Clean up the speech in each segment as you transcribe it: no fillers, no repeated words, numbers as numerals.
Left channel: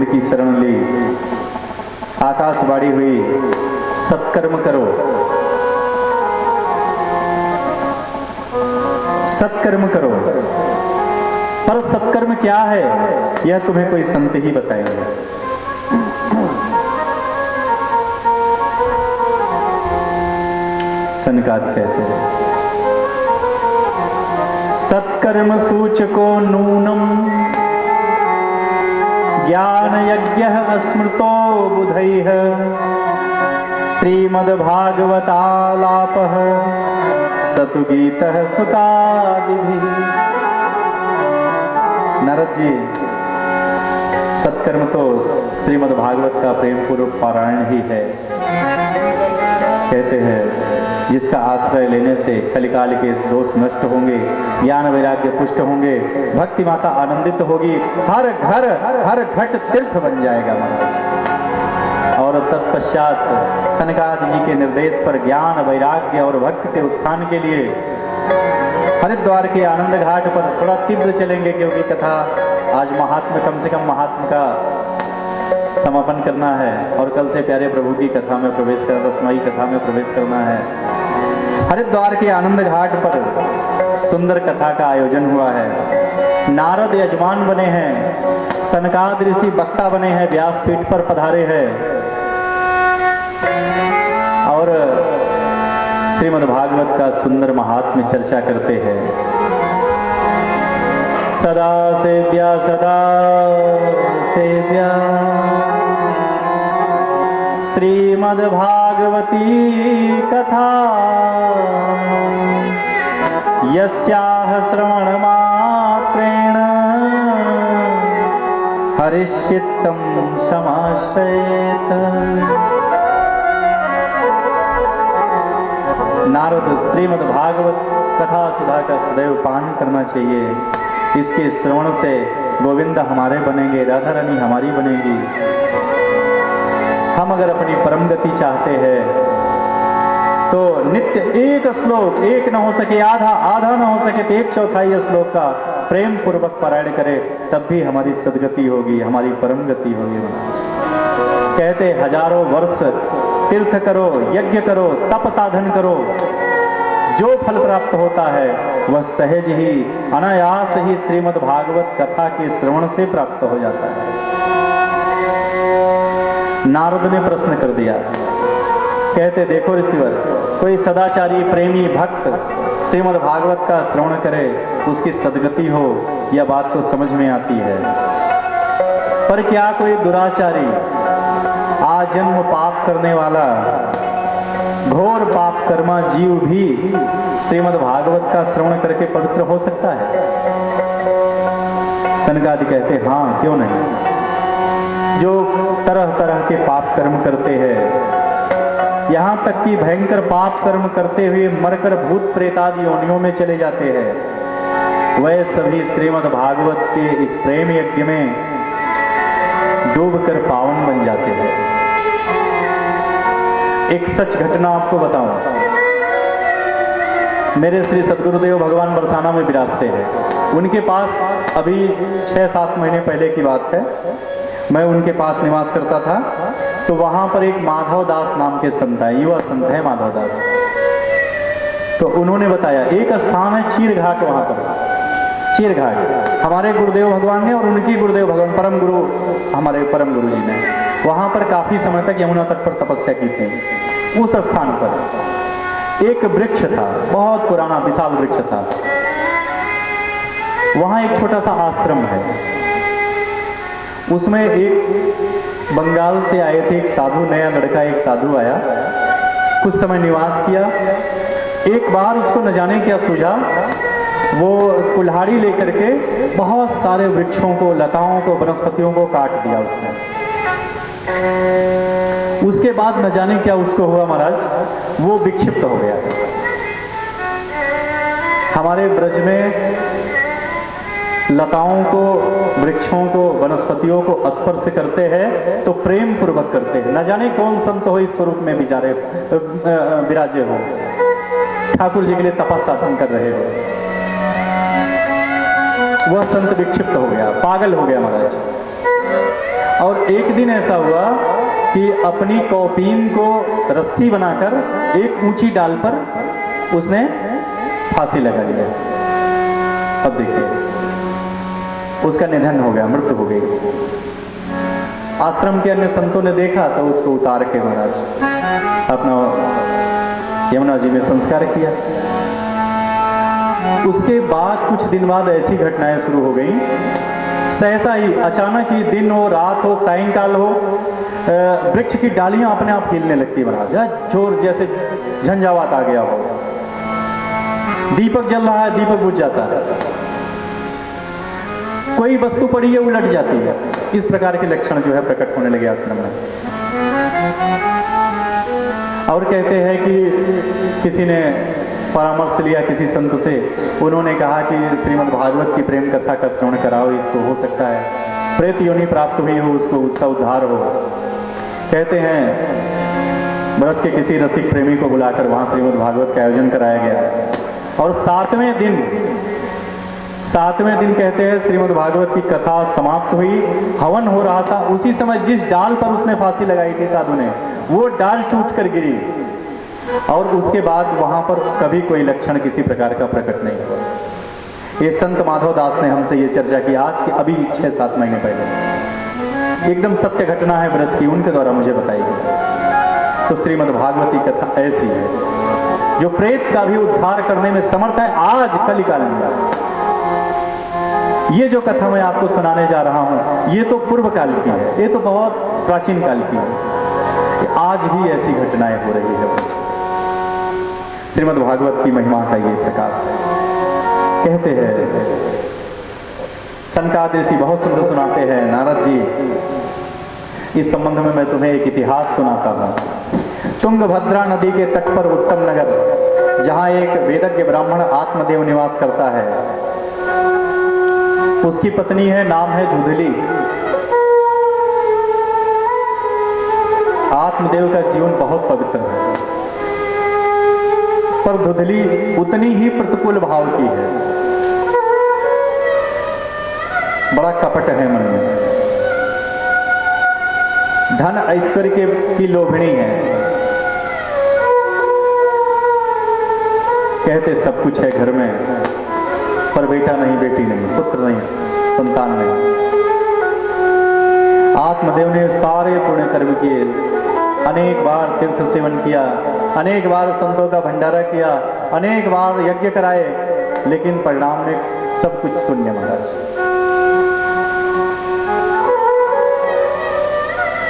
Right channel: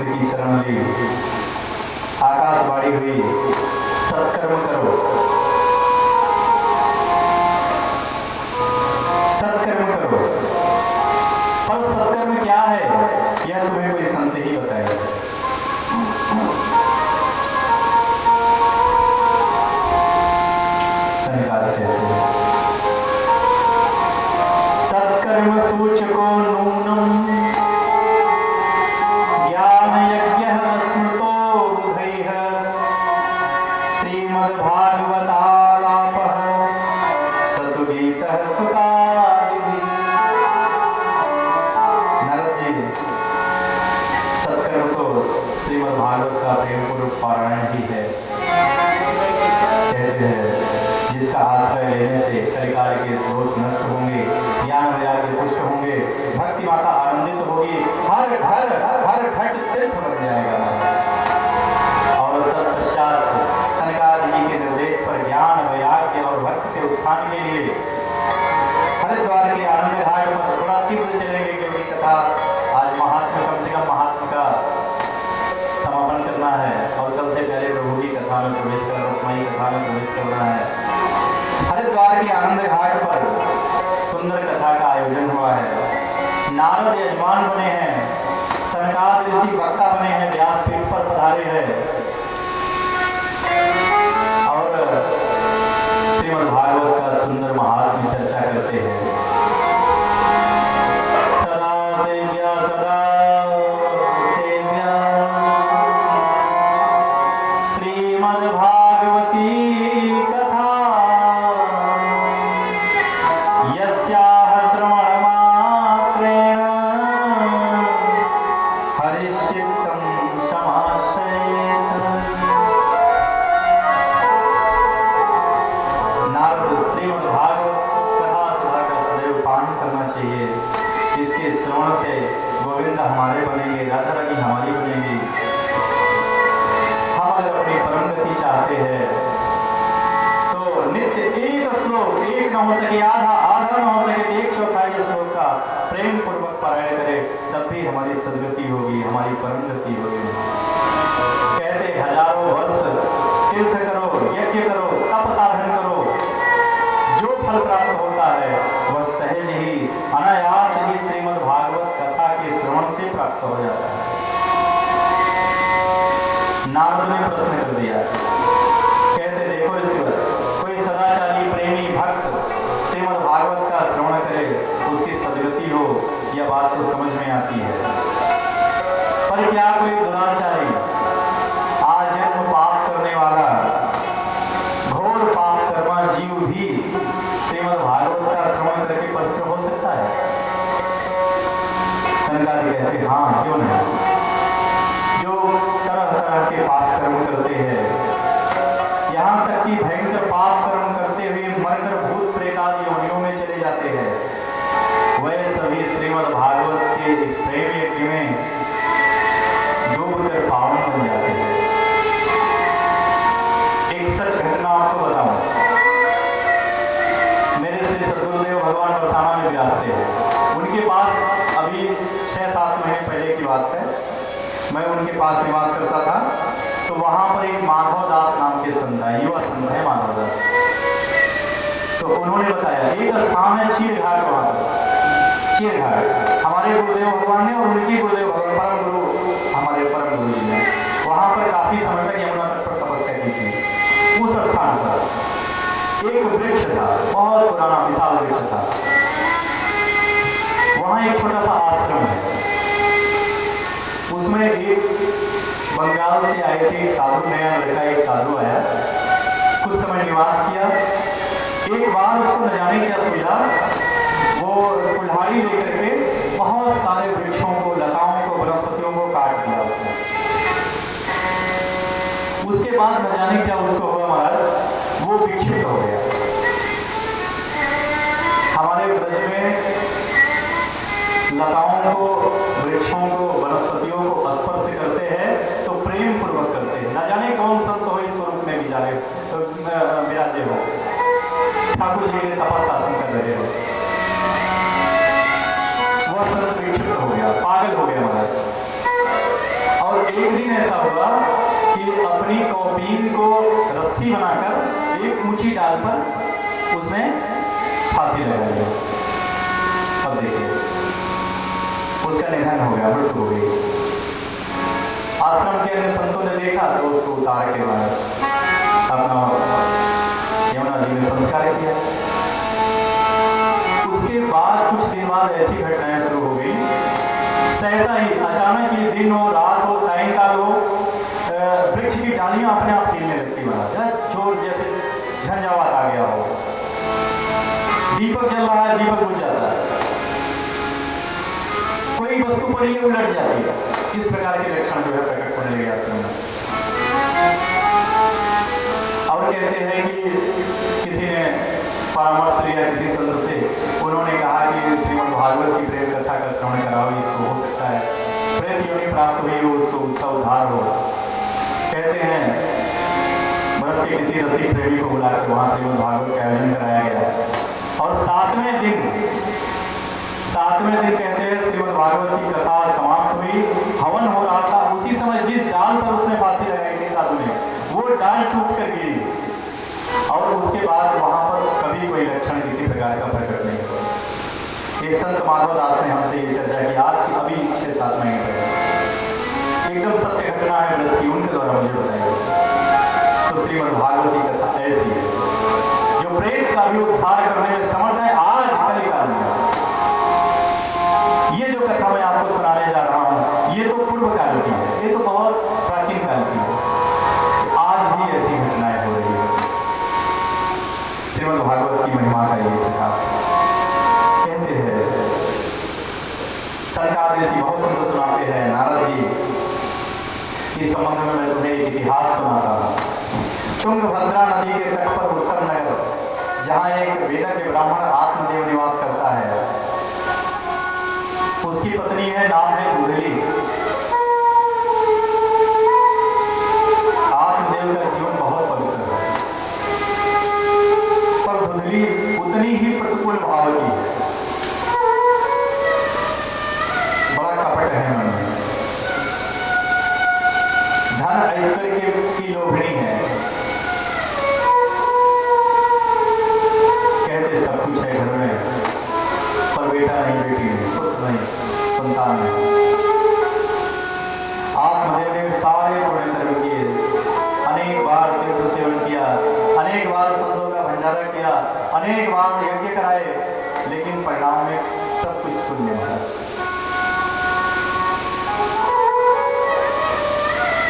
गोविंद की शरण ली, आकाशवाणी हुई सत्कर्म करो, सत्कर्म करो। पर सत्कर्म क्या है यह तुम्हें कोई संत ही बताएगा। सनकादिक कहते हैं सत्कर्म सूचको नूनम ज्ञान यज्ञ स्मृतो बुधैः श्रीमद्भागवतालापः सतु गीतः सुतादिभिः। नारद जी, सत्कर्म तो श्रीमद्भागवत का प्रेम पूर्वक पारायण ही है। कहते हैं जिसका आश्रय लेने से कलिकाल के दोष नष्ट होंगे, ज्ञान वैराग्य पुष्ट होंगे, भक्ति माता आनंदित होगी, हर घर हर घट तीर्थ बन जाएगा। और तत्पश्चात सनकादि जी के निर्देश पर ज्ञान वैराग्य और भक्ति के उत्थान के लिए हरिद्वार के आनंद घाट पर थोड़ा तीव्र चलेंगे, क्योंकि कथा आज महात्मा, कम से कम महात्मा का समापन करना है और कल से प्यारे प्रभु की कथा में प्रवेश करना, रसमयी कथा में प्रवेश करना है। हरिद्वार के आनंद घाट पर सुंदर कथा का आयोजन हुआ है। नारद यजमान बने हैं, सनकादि ऋषि वक्ता बने हैं, व्यासपीठ पर पधारे हैं और श्रीमद्भागवत का सुंदर महात्म्य चर्चा करते हैं। सदा सेव्या सदा सेव्या श्रीमद्भागवती कथा यस्याः श्रवणमात्रेण हरिश्चित्तं समाश्रयेत। नारद, श्रीमद्भागवत कथा सुधा का सदैव पान करना चाहिए। इसके श्रवण से गोविंद हमारे बनेंगे, राधा रानी हमारी बनेगी। हम अगर अपनी परम गति चाहते हैं तो नित्य एक श्लोक, एक न हो सके आधा, आधा न हो सके तो 1/4 श्लोक का प्रेम पूर्वक पारायण करें, तब भी हमारी सदगति होगी, हमारी परम गति होगी। कहते हजारों वर्ष तीर्थ करो, यज्ञ करो, तप साधन करो, जो फल प्राप्त होता है वह सहज ही अनायास ही श्रीमद्भागवत कथा के श्रवण से प्राप्त हो जाता है। नारद ने प्रश्न कर दिया, कहते देखो ऋषिवर, कोई सदाचारी प्रेमी भक्त श्रीमद्भागवत का श्रवण करे, उसकी सदगति हो, यह बात तो समझ में आती है। पर क्या कोई दुराचारी, आजन्म पाप करने वाला, घोर पाप कर्मा जीव भी श्रीमद्भागवत का श्रवण करके पवित्र हो सकता है? सनकादि कहते हाँ, क्यों नहीं। जो तरह तरह के पाप कर्म करते हैं, यहाँ तक कि भयंकर पाप कर्म करते हुए मरकर भूत प्रेतादि योनियों में चले जाते हैं, वह सभी श्रीमद्भागवत के इस प्रेम यज्ञ में डूबकर पावन बन जाते हैं। एक सच घटना आपको बताऊं। मेरे श्री सद्गुरुदेव भगवान बरसाना में विराजते हैं। उनके पास अभी 6-7 महीने पहले की बात है, मैं उनके पास निवास करता था। तो वहाँ पर एक माधव दास नाम के संत है, युवा संत है माधव दास। तो उन्होंने बताया एक स्थान है चीरघाट, वहाँ पर चीरघाट हमारे गुरुदेव भगवान ने और उनकी गुरुदेव भगवान परम गुरु, हमारे परम गुरु जी ने वहाँ पर काफी समय तक यमुना तट पर तपस्या की थी। उस स्थान पर एक वृक्ष था, बहुत पुराना विशाल वृक्ष था। वहाँ एक छोटा सा आश्रम है, उसमें एक बंगाल से आए थे एक साधु, नया लड़का एक साधु आया, कुछ समय निवास किया। एक बार उसको न जाने क्या सूझा, वो कुल्हाड़ी लेकर के बहुत सारे वृक्षों को, लताओं को, वनस्पतियों को काट दिया उसने। उसके बाद न जाने क्या उसको हुआ महाराज, वो विक्षिप्त हो गया। हमारे ब्रज में लताओं को, वृक्षों को, वनस्पतियों को स्पर्श करते हैं तो प्रेम पूर्वक करते हैं। न जाने कौन संत हो इस स्वरूप में विचारे विराजे हो, ठाकुर जी के लिए तपस्या कर रहे हो। वह संत विक्षिप्त हो गया, पागल हो गया महाराज। और रस्सी बनाकर एक ऊंची डाल पर उसने फांसी लगा दिया। अब देखिए, उसका निधन हो गया, मृत्यु हो गई। आश्रम के अन्य संतों ने देखा तो उसको उतार के अपना यमुना जी में संस्कार किया। उसके बाद कुछ दिन बाद ऐसी घटनाएं शुरू हो गई, सहसा ही अचानक ही दिन हो, रात हो, सायंकाल हो, वृक्ष की डालियां अपने आप हिलने लगती महाराज, जोर जैसे झंझावात आ गया हो। दीपक जल रहा है, दीपक बुझ जाता है, कोई वस्तु पड़ी है उलट जाती है। इस प्रकार के लक्षण जो है प्रकट होने लगे आश्रम में। और कहते हैं कि किसी ने परामर्श लिया किसी संत से, उन्होंने कहा कि श्रीमद् भागवत की प्रेम कथा का श्रवण कराओ, इसको हो सकता है प्रेत योनि प्राप्त हुई हो, उसको उसका उद्धार हो। कहते हैं ब्रज के किसी रसिक प्रेमी को बुलाकर वहां श्रीमद् भागवत का आयोजन कराया गया। और सातवें दिन कहते हैं श्रीमद् भागवत की कथा समाप्त हुई, हवन हो रहा था। उसी समय जिस डाल पर उसने फांसी लगाई थी साधु ने, वो डाल टूट कर गिरी और उसके बाद वहां पर कभी कोई लक्षण किसी प्रकार का प्रकट नहीं हुआ। ये संत माधव दास ने हमसे ये चर्चा की आज की अभी 6-7 महीने पहले, एकदम सत्य घटना है ब्रज की, उनके द्वारा मुझे बताई गई। तो श्रीमद् भागवत की कथा ऐसी है जो प्रेत का भी उद्धार करने में समर्थ है आज कलिकाल में। ये जो कथा मैं आपको सुनाने जा रहा हूं, ये तो पूर्व काल की है, ये तो बहुत प्राचीन काल की है। आज भी ऐसी घटनाएं हो रही है। श्रीमद् भागवत की महिमा का ये प्रकाश कहते हैं। सनकादिक ऋषि बहुत सुंदर सुनाते हैं, नारद जी, इस संबंध में मैं तुम्हें एक इतिहास सुनाता हूं। तुंगभद्रा नदी के तट पर उत्तम नगर, जहां एक वेदज्ञ ब्राह्मण आत्मदेव निवास करता है, उसकी पत्नी है, नाम है दुधली। आत्मदेव का जीवन बहुत पवित्र है, पर दुधली उतनी ही प्रतिकूल भाव की है, बड़ा कपट है मन में, धन ऐश्वर्य की लोभनी है। कहते सब कुछ है घर में, पर बेटा नहीं, बेटी नहीं, पुत्र नहीं, संतान नहीं। आत्मदेव ने सारे पुण्य कर्म किए, अनेक बार तीर्थ सेवन किया, अनेक बार संतों का भंडारा किया, अनेक बार यज्ञ कराए, लेकिन परिणाम में सब कुछ शून्य महाराज।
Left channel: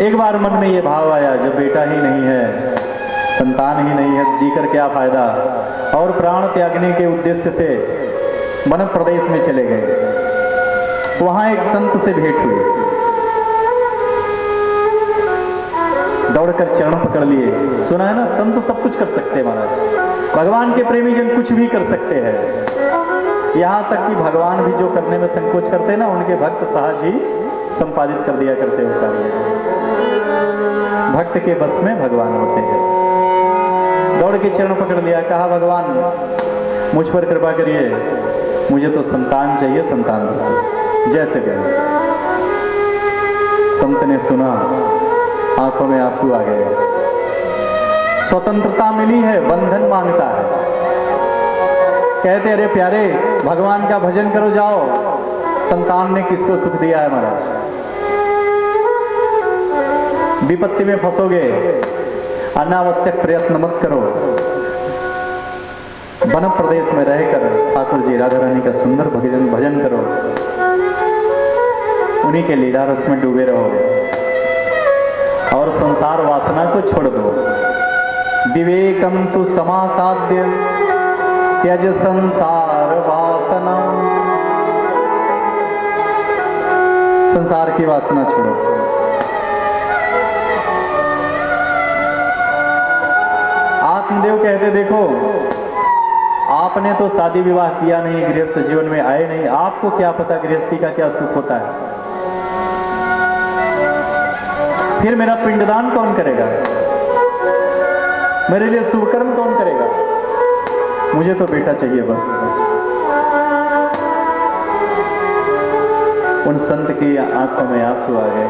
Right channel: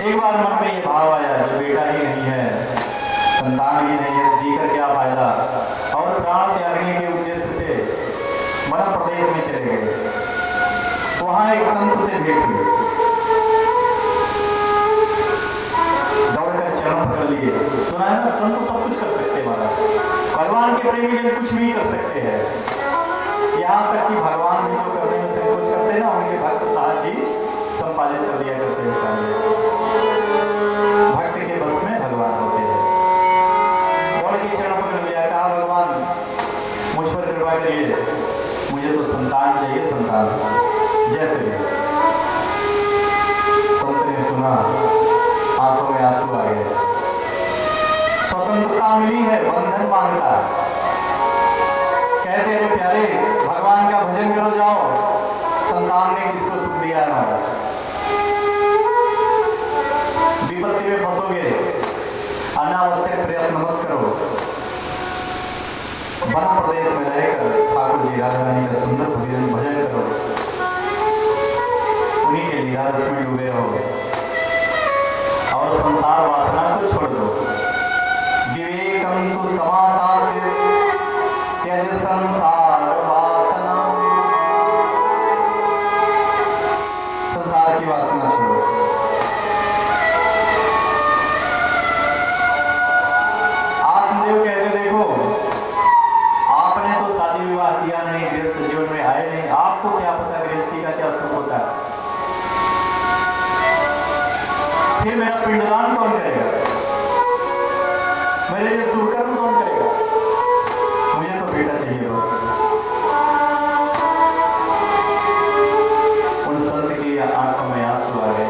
एक बार मन में यह भाव आया, जब बेटा ही नहीं है, संतान ही नहीं है, जीकर क्या फायदा, और प्राण त्यागने के उद्देश्य से वन प्रदेश में चले गए। वहां एक संत से भेंट हुई, दौड़कर चरण पकड़ लिए। सुना है ना, संत सब कुछ कर सकते हैं महाराज, भगवान के प्रेमी जन कुछ भी कर सकते हैं। यहां तक कि भगवान भी जो करने में संकोच करते हैं ना, उनके भक्त सहज ही संपादित कर दिया करते होता। भक्त के बस में भगवान होते हैं। दौड़ के चरण पकड़ लिया, कहा भगवान मुझ पर कृपा करिए, मुझे तो संतान चाहिए, संतान चाहिए, जैसे करें। संत ने सुना, आंखों में आंसू आ गए। स्वतंत्रता मिली है, बंधन मांगता है। कहते अरे प्यारे, भगवान का भजन करो जाओ। संतान ने किसको सुख दिया है महाराज? विपत्ति में फंसोगे, अनावश्यक प्रयत्न मत करो। वन प्रदेश में रहकर ठाकुर जी राधा रानी का सुंदर भजन करो, उन्हीं के लीला रस में डूबे रहोगे और संसार वासना को छोड़ दो। विवेकम तु समासाध्य त्यज संसार वासना। संसार की वासना छोड़ो। आत्मदेव कहते देखो, आपने तो शादी विवाह किया नहीं, गृहस्थ जीवन में आए नहीं, आपको क्या पता गृहस्थी का क्या सुख होता है। फिर मेरा पिंडदान कौन करेगा, मेरे लिए सुकर्म कौन करेगा? मुझे तो बेटा चाहिए बस। उन संत की आंखों में आंसू आ गए।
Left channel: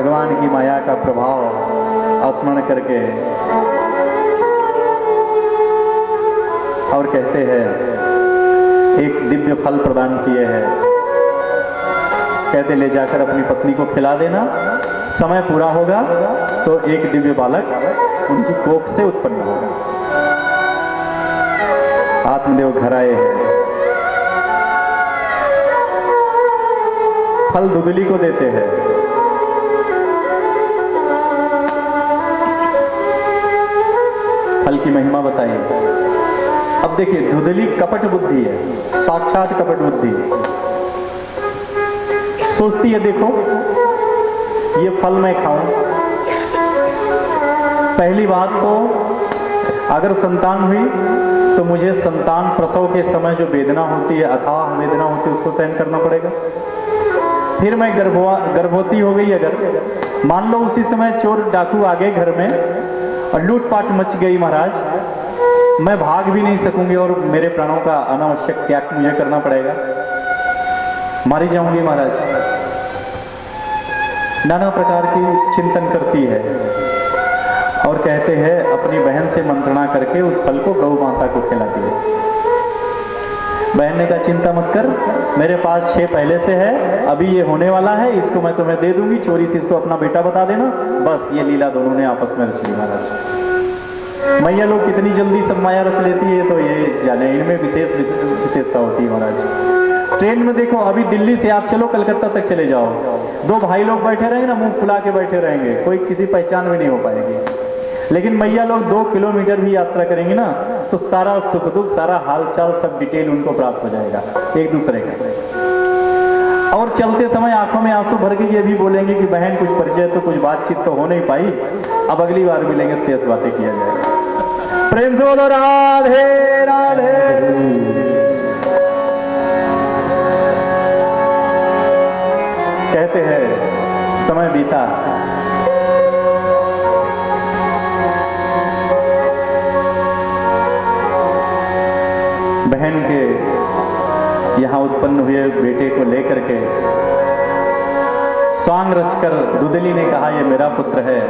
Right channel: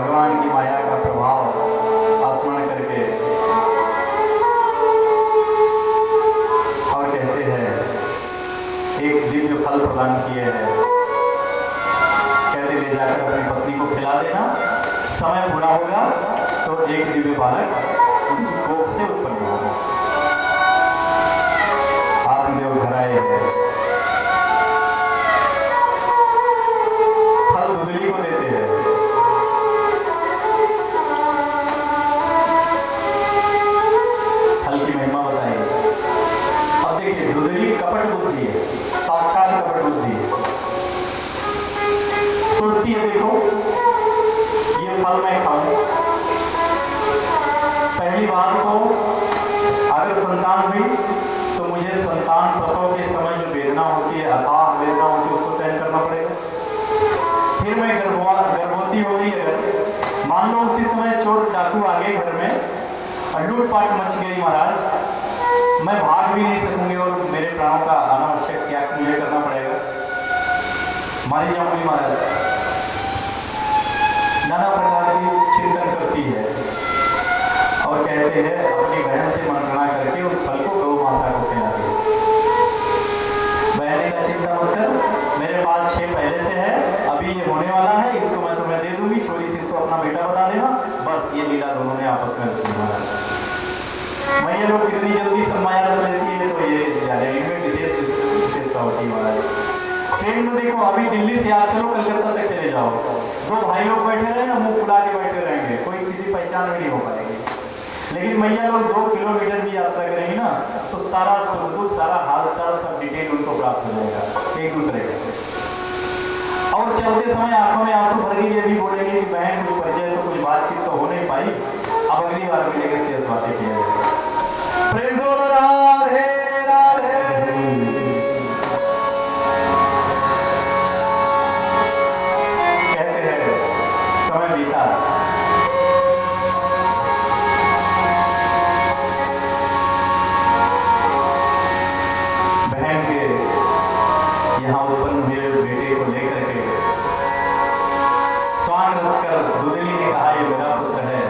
भगवान की माया का प्रभाव स्मरण करके और कहते हैं एक दिव्य फल प्रदान किए हैं। कहते ले जाकर अपनी पत्नी को खिला देना, समय पूरा होगा तो एक दिव्य बालक उनकी कोख से उत्पन्न होगा। आत्मदेव घर आए, फल दुदली को देते हैं। फल की महिमा बताई। अब देखिए, दुदली कपट बुद्धि है, साक्षात कपट बुद्धि है। सोचती है देखो ये फल मैं खाऊं। पहली बात तो अगर संतान हुई तो मुझे संतान प्रसव के समय जो वेदना होती है, अथाह वेदना होती है, उसको सहन करना पड़ेगा। फिर मैं गर्भवती हो गई, अगर मान लो उसी समय चोर डाकू आ गए घर में और लूटपाट मच गई महाराज, मैं भाग भी नहीं सकूंगी और मेरे प्राणों का अनावश्यक त्याग मुझे करना पड़ेगा, मारी जाऊंगी महाराज। नाना प्रकार की चिंतन करती है और कहते हैं अपनी बहन से मंत्रणा करके उस फल को गौ माता को खिला दिया। बहन ने कहा चिंता मत कर, मेरे पास 6 पहले से है, अभी ये होने वाला है, इसको मैं तुम्हें दे दूंगी, चोरी से इसको अपना बेटा बता देना। बस ये लीला दोनों ने आपस में रची महाराज। मैया लोग कितनी जल्दी सब माया रच लेती है तो ये जाने, इनमें विशेषता होती है महाराज। ट्रेन में देखो, अभी दिल्ली से आप चलो कलकत्ता तक चले जाओ, 2 भाई लोग बैठे रहेंगे ना, मुंह फुला के बैठे रहेंगे, कोई किसी पहचान में नहीं हो पाएंगे। लेकिन मैया लोग 2 किलोमीटर भी यात्रा करेंगे ना तो सारा सुख दुख, सारा हालचाल, सब डिटेल उनको प्राप्त हो जाएगा एक दूसरे का। और चलते समय आंखों में आंसू भर के ये भी बोलेंगे कि बहन कुछ परिचय तो, कुछ बातचीत तो हो नहीं पाई, अब अगली बार मिलेंगे, शेष बातें किया जाएगा। प्रेम से बोलो राधे राधे। कहते हैं समय बीता, बहन के यहां उत्पन्न हुए बेटे को लेकर के स्वांग रचकर दुदली ने कहा ये मेरा पुत्र है।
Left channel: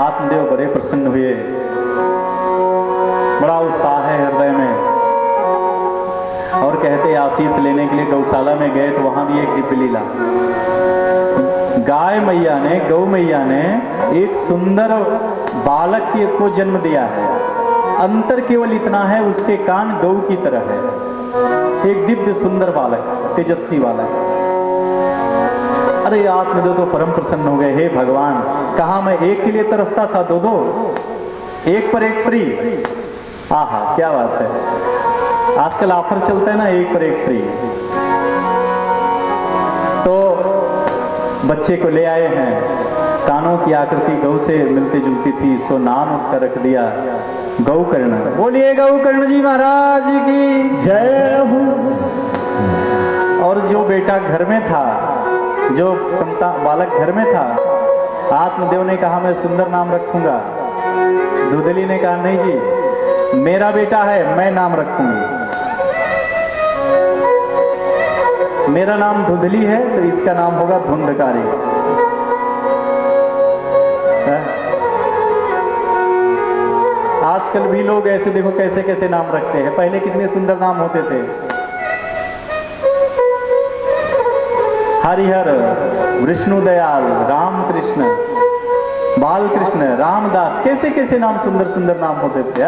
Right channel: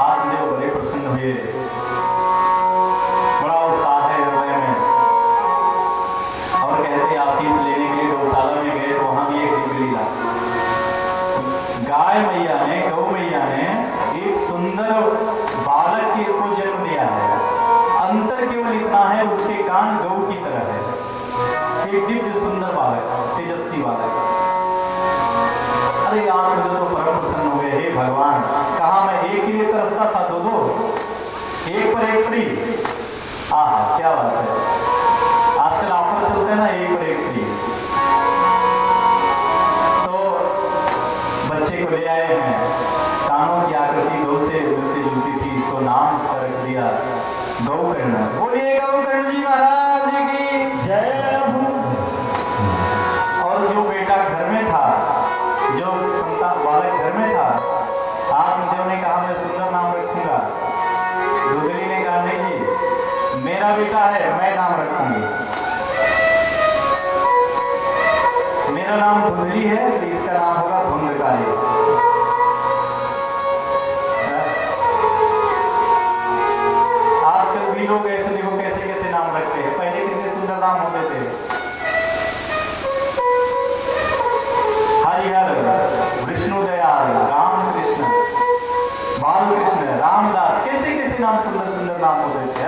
आत्मदेव बड़े प्रसन्न हुए, बड़ा उत्साह है हृदय में, और कहते आशीष लेने के लिए गौशाला में गए तो वहां भी एक दिव्य लीला। गाय मैया ने, गौ मैया ने एक सुंदर बालक को जन्म दिया है। अंतर केवल इतना है, उसके कान गौ की तरह है। एक दिव्य सुंदर बालक, तेजस्वी बालक। अरे आत्मदेव तो परम प्रसन्न हो गए, हे भगवान, कहा मैं एक के लिए तरसता था, 2-2, एक पर एक फ्री। आहा क्या बात है, आजकल ऑफर चलता है ना, एक पर एक फ्री। तो बच्चे को ले आए हैं, कानों की आकृति गौ से मिलती जुलती थी, सो नाम उसका रख दिया गौकर्ण। बोलिए गौकर्ण जी महाराज की जय हो। और जो बेटा घर में था, जो संतान बालक घर में था, आत्मदेव ने कहा मैं सुंदर नाम रखूंगा। दुदली ने कहा नहीं जी, मेरा बेटा है, मैं नाम रखूंगी। मेरा नाम धुंधली है तो इसका नाम होगा धुंधकारी। आजकल भी लोग ऐसे देखो कैसे कैसे नाम रखते हैं, पहले कितने सुंदर नाम होते थे। हरिहर, विष्णुदयाल, रामकृष्ण, बालकृष्ण, रामदास, कैसे कैसे नाम, सुंदर सुंदर नाम होते थे।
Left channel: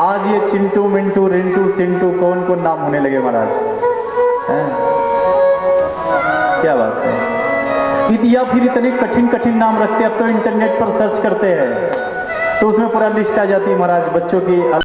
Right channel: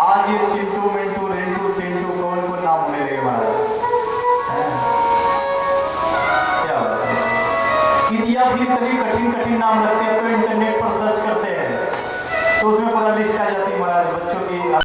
आज ये चिंटू, मिंटू, रिंटू, सिंटू, कौन कौन नाम होने लगे महाराज। क्या बात है। या फिर इतने कठिन कठिन नाम रखते हैं, अब तो इंटरनेट पर सर्च करते हैं तो उसमें पूरा लिस्ट आ जाती है महाराज, बच्चों की